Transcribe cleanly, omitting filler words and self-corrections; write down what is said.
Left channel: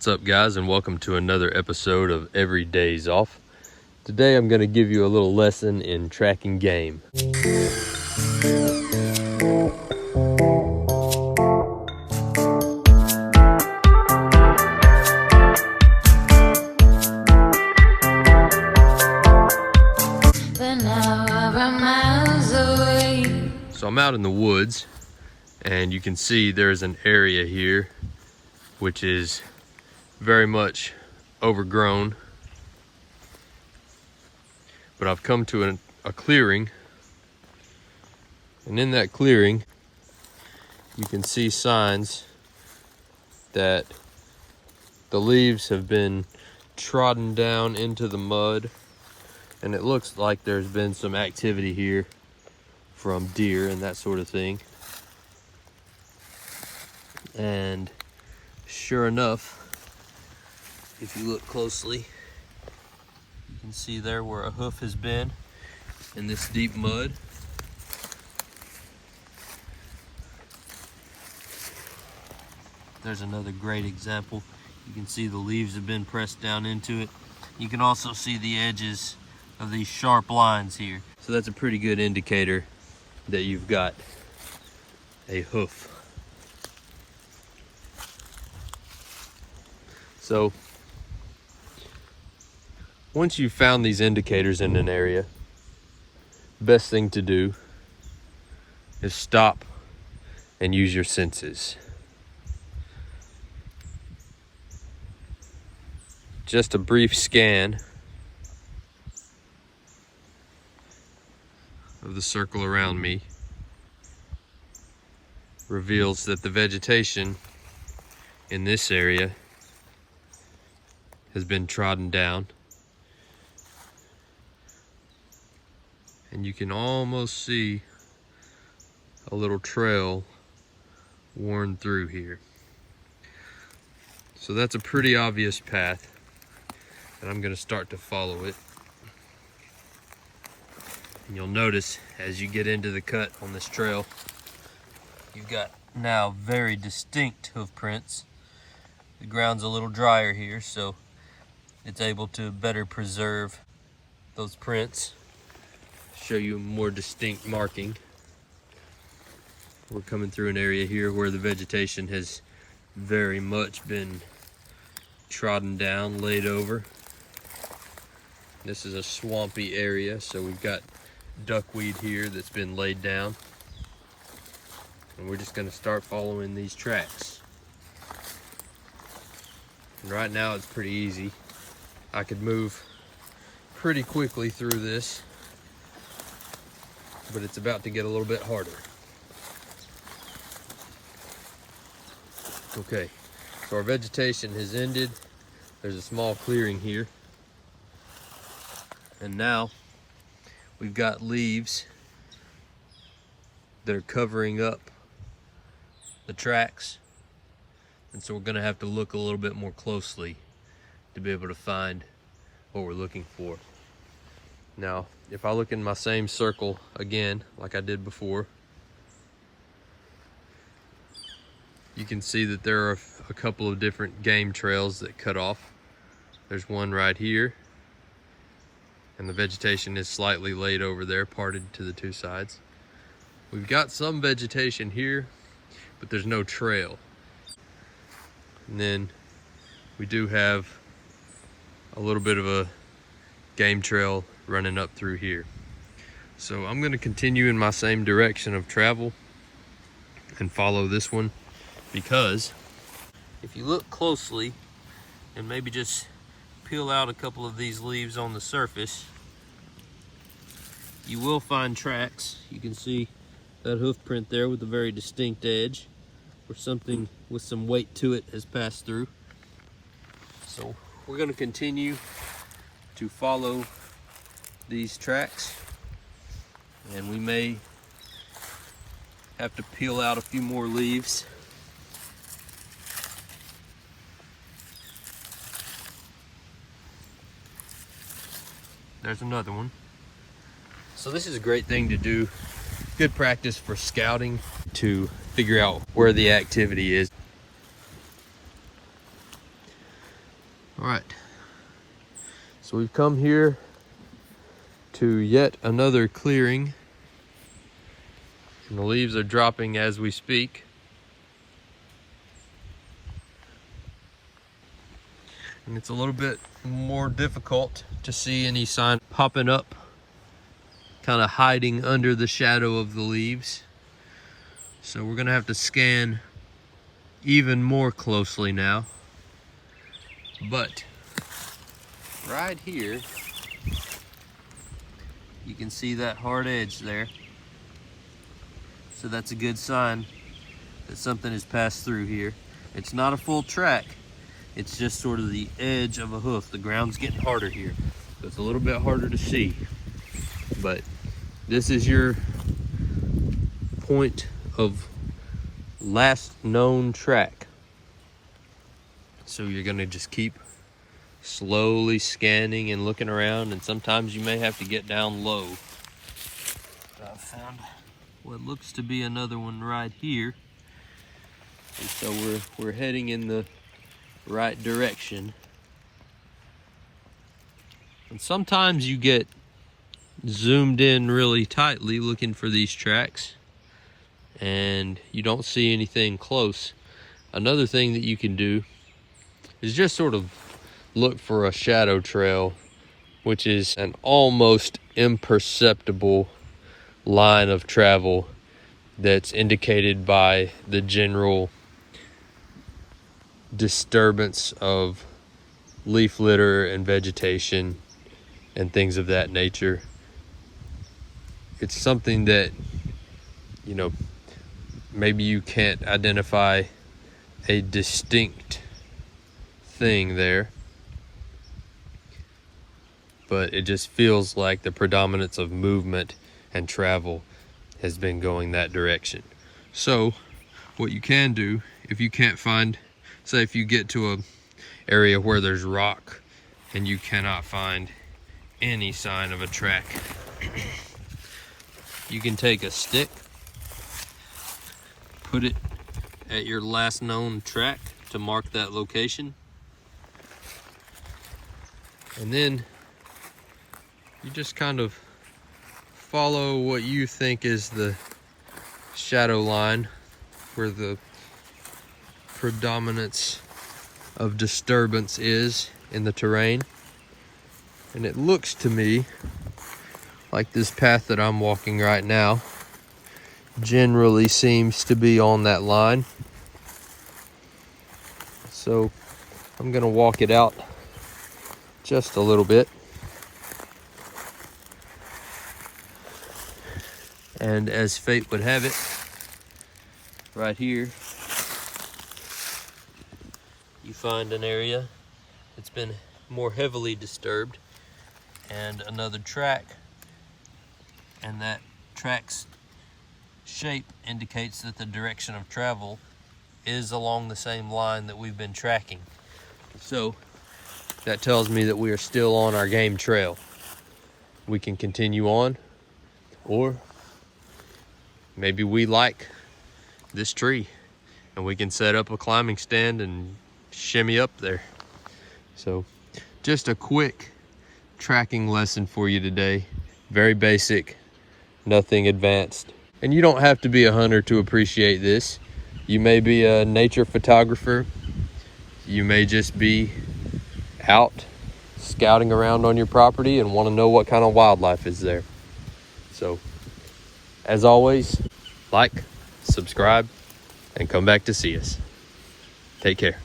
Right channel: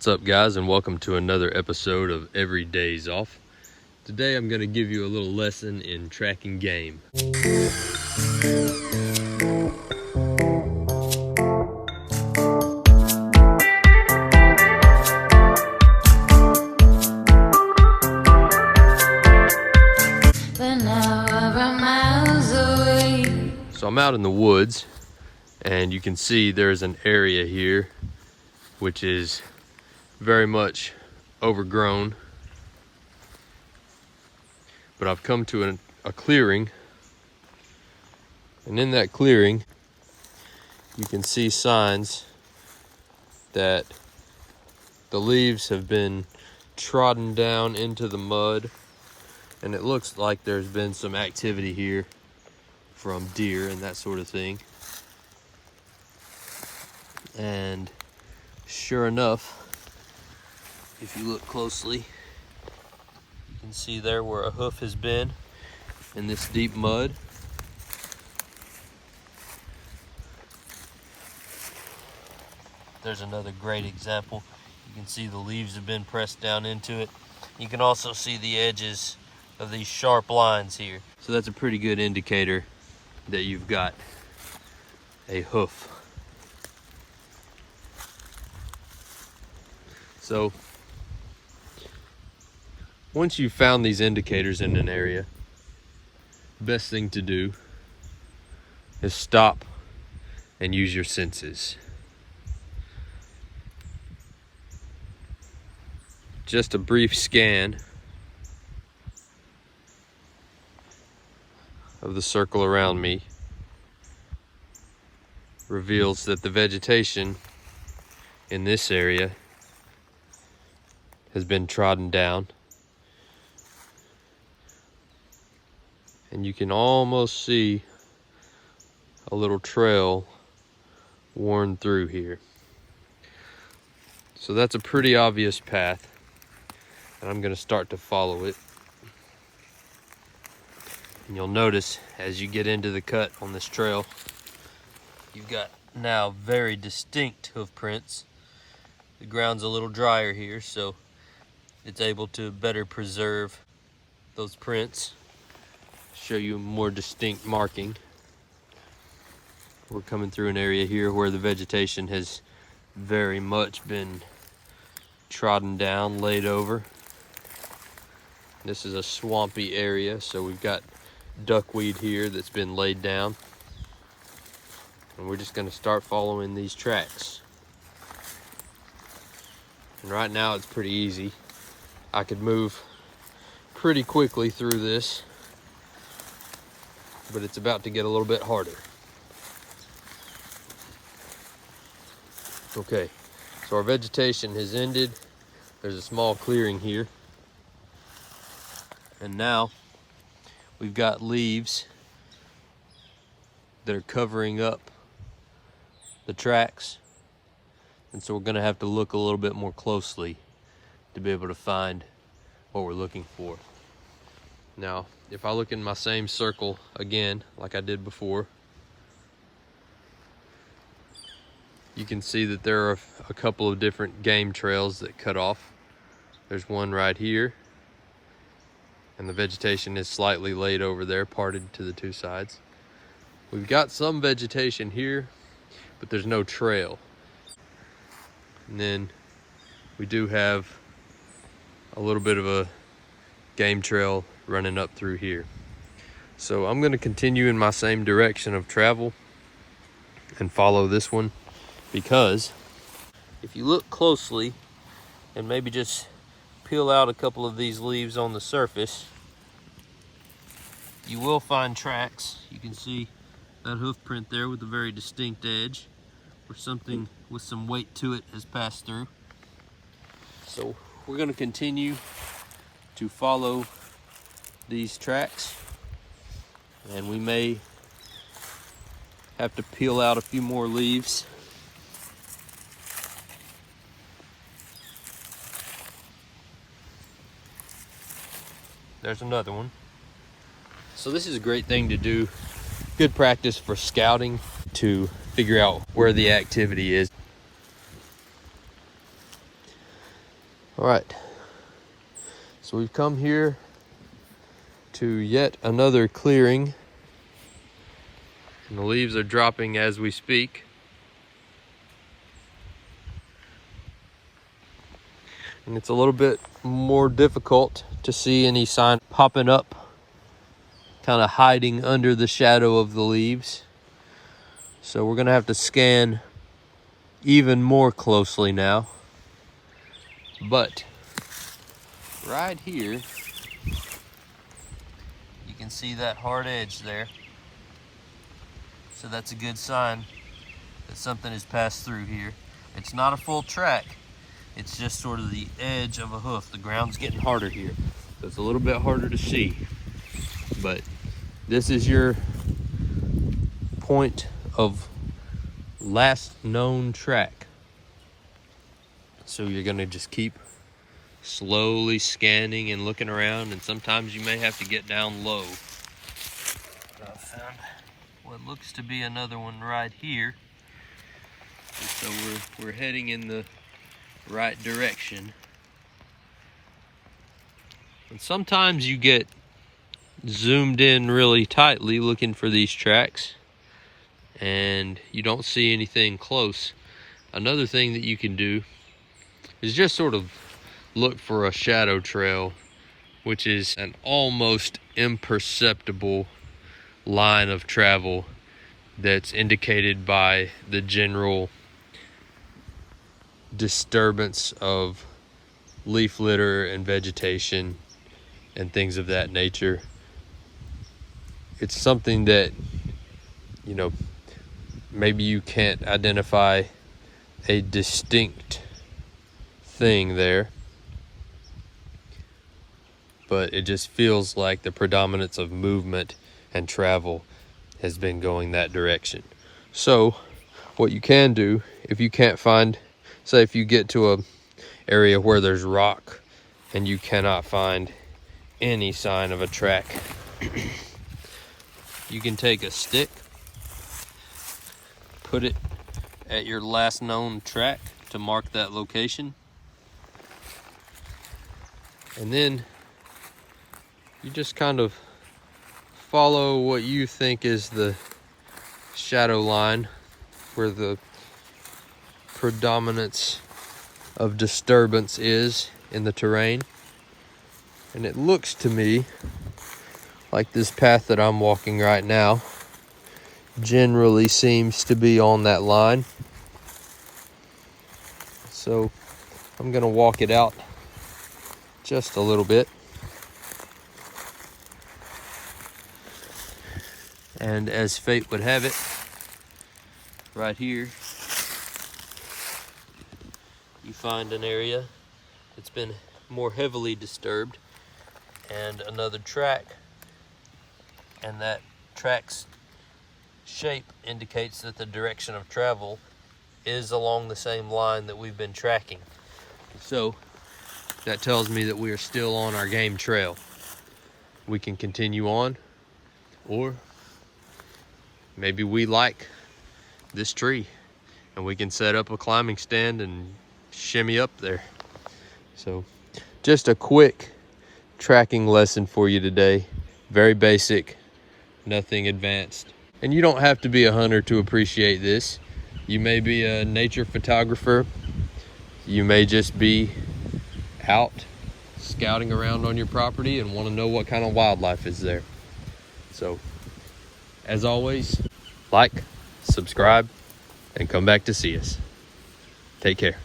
What's up, guys, and welcome to another episode of Every Day's Off. Today I'm going to give you a little lesson in tracking game. So I'm out in the woods, and you can see there's an area here which is very much overgrown, but I've come to a clearing, and in that clearing you can see signs that the leaves have been trodden down into the mud, and it looks like there's been some activity here from deer and that sort of thing. And sure enough, if you look closely, you can see there where a hoof has been in this deep mud. There's another great example. You can see the leaves have been pressed down into it. You can also see the edges of these sharp lines here. So that's a pretty good indicator that you've got a hoof. So once you've found these indicators in an area, the best thing to do is stop and use your senses. Just a brief scan of the circle around me reveals that the vegetation in this area has been trodden down, and you can almost see a little trail worn through here. So that's a pretty obvious path, and I'm going to start to follow it. And you'll notice as you get into the cut on this trail, you've got now very distinct hoof prints. The ground's a little drier here, so it's able to better preserve those prints, show you more distinct marking. We're coming through an area here where the vegetation has very much been trodden down, laid over. This is a swampy area, so we've got duckweed here that's been laid down, and we're just going to start following these tracks. And right now it's pretty easy. I could move pretty quickly through this, but it's about to get a little bit harder. Okay, so our vegetation has ended. There's a small clearing here, and now we've got leaves that are covering up the tracks, and so we're going to have to look a little bit more closely to be able to find what we're looking for. Now, if I look in my same circle again, like I did before, you can see that there are a couple of different game trails that cut off. There's one right here, and the vegetation is slightly laid over there, parted to the two sides. We've got some vegetation here, but there's no trail. And then we do have a little bit of a game trail running up through here. So I'm going to continue in my same direction of travel and follow this one, because if you look closely and maybe just peel out a couple of these leaves on the surface, you will find tracks. You can see that hoof print there with a very distinct edge, where something with some weight to it has passed through. So we're going to continue to follow these tracks, and we may have to peel out a few more leaves. There's another one. So this is a great thing to do. Good practice for scouting, to figure out where the activity is. All right, so we've come here to yet another clearing, and the leaves are dropping as we speak. And it's a little bit more difficult to see any sign popping up, kind of hiding under the shadow of the leaves. So we're gonna have to scan even more closely now. But right here, you can see that hard edge there. So that's a good sign that something has passed through here. It's not a full track. It's just sort of the edge of a hoof. The ground's getting harder here, so it's a little bit harder to see. But this is your point of last known track. So you're gonna just keep slowly scanning and looking around, and sometimes you may have to get down low. I found what looks to be another one right here. And so we're heading in the right direction. And sometimes you get zoomed in really tightly looking for these tracks and you don't see anything close. Another thing that you can do is just sort of look for a shadow trail, which is an almost imperceptible line of travel that's indicated by the general disturbance of leaf litter and vegetation and things of that nature. It's something that, you know, maybe you can't identify a distinct thing there, but it just feels like the predominance of movement and travel has been going that direction. So what you can do, if you can't find, say if you get to a area where there's rock and you cannot find any sign of a track, you can take a stick, put it at your last known track to mark that location, and then you just kind of follow what you think is the shadow line where the predominance of disturbance is in the terrain. And it looks to me like this path that I'm walking right now generally seems to be on that line. So I'm gonna walk it out just a little bit. And as fate would have it, right here, you find an area that's been more heavily disturbed and another track, and that track's shape indicates that the direction of travel is along the same line that we've been tracking. So that tells me that we are still on our game trail. We can continue on, or maybe we like this tree and we can set up a climbing stand and shimmy up there. So just a quick tracking lesson for you today. Very basic, nothing advanced. And you don't have to be a hunter to appreciate this. You may be a nature photographer. You may just be out scouting around on your property and want to know what kind of wildlife is there. So, as always, like, subscribe, and come back to see us. Take care.